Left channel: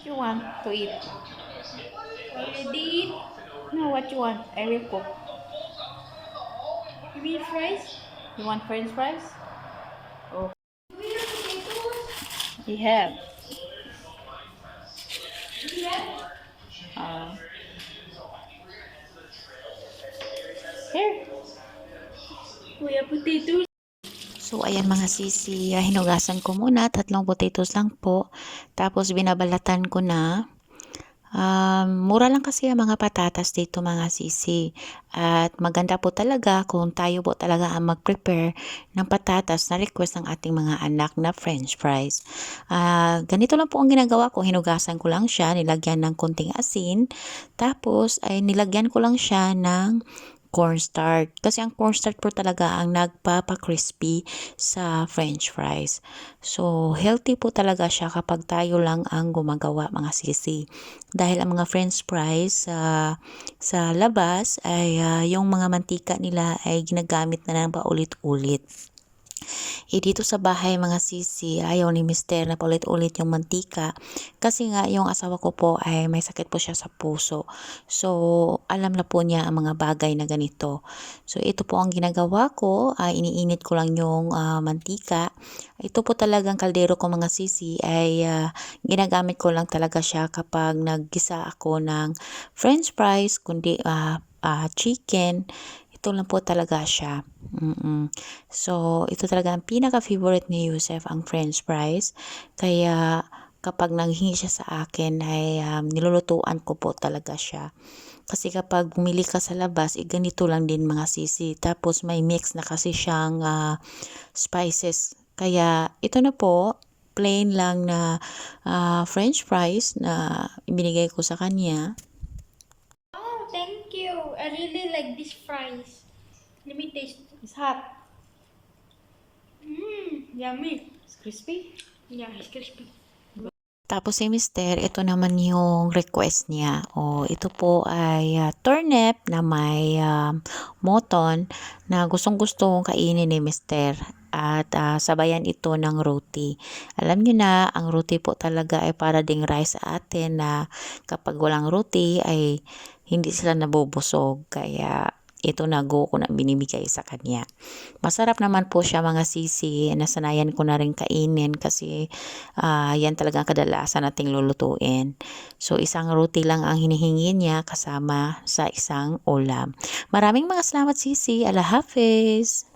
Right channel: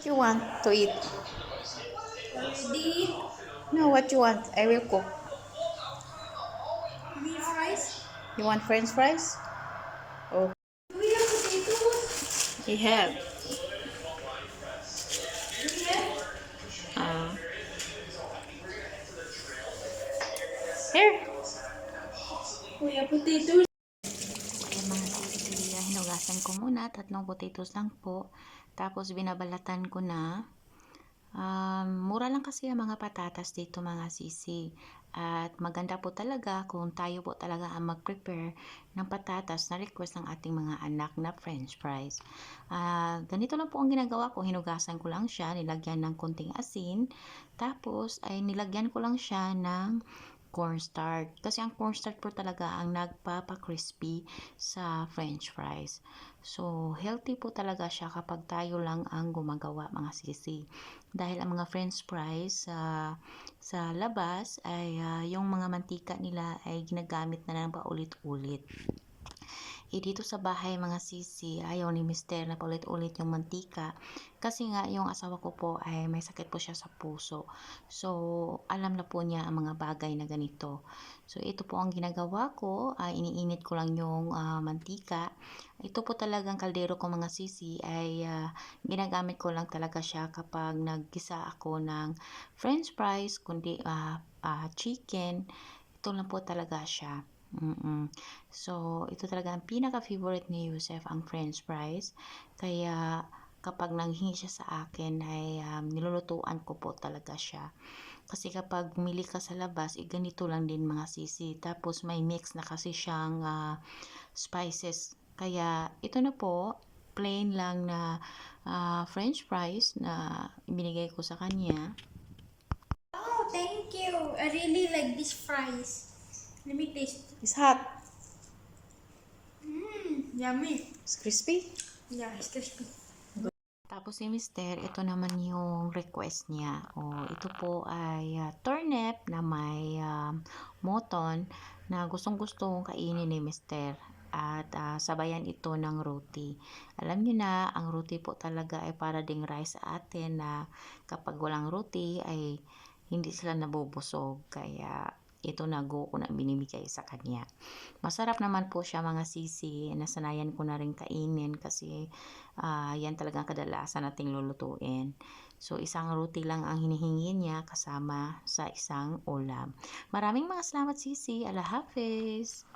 You want to eat? Already? No, what you want? I will cook. You mean fries? You want French fries? Oh, We have potatoes. we have. We have. Uh, Here. We have potatoes. So, ayan mga sisi, hinugasan ko muna, 3 potatoes lang po. Tapos, binabalatan ko na. Mura lang kasi ang mga patatas dito mga sisi. At maganda po talaga kung tayo po talaga ang mag-prepare ng patatas na request ng ating mga anak na french fries. Ganito lang po ang ginagawa ko. Hinugasan ko lang siya, nilagyan ng konting asin. Tapos ay nilagyan ko lang siya ng cornstarch. Kasi ang cornstarch po talaga ang nagpapa-crispy sa french fries. So, healthy po talaga siya kapag tayo lang ang gumagawa mga sisi. Dahil ang mga french fries sa labas ay yung mga mantika nila ay ginagamit na ng paulit-ulit. Dito sa bahay mga sisi, ayaw ni mister na paulit-ulit yung mantika kasi nga yung asawa ko po ay may sakit po siya sa puso. So, alam na po niya ang mga bagay na ganito. So, ito po ang ginagawa ko, iniinit ko lang yung mantika. Ito po talagang kaldero ko mga sisi ay ginagamit ko lang talaga siya kapag naggisa ako ng french fries, kundi chicken. Ito lang po talaga siya. So, ito talaga ang pinaka-favorite ni Yusef, ang french fries. Kaya, kapag nanghingi siya sa akin, ay nilulutuan ko po talaga siya. Kasi kapag bumili ka sa labas, ganito lang din mga sisi. Tapos, may mix na kasi siyang spices. Kaya, ito na po, plain lang na french fries na ibinigay ko sa kanya. Oh, thank you. I really like these fries. Let me taste. It's hot. Yummy. It's crispy. Yeah, it's crispy. Tapos si mister, ito naman yung request niya. Ito po ay turnip na may moton na gustong-gustong kainin ni mister. At sabayan ito ng roti. Alam niyo na, ang roti po talaga ay para ding rice sa atin na kapag walang roti ay hindi sila nabubusog. Kaya ito na go ko na binibigay sa kanya. Masarap naman po siya mga sisi. Nasanayan ko na rin kainin kasi yan talagang kadalasan nating lulutuin. So, isang roti lang ang hinihingi niya kasama sa isang ulam. Maraming mga salamat sisi. Allah Hafiz!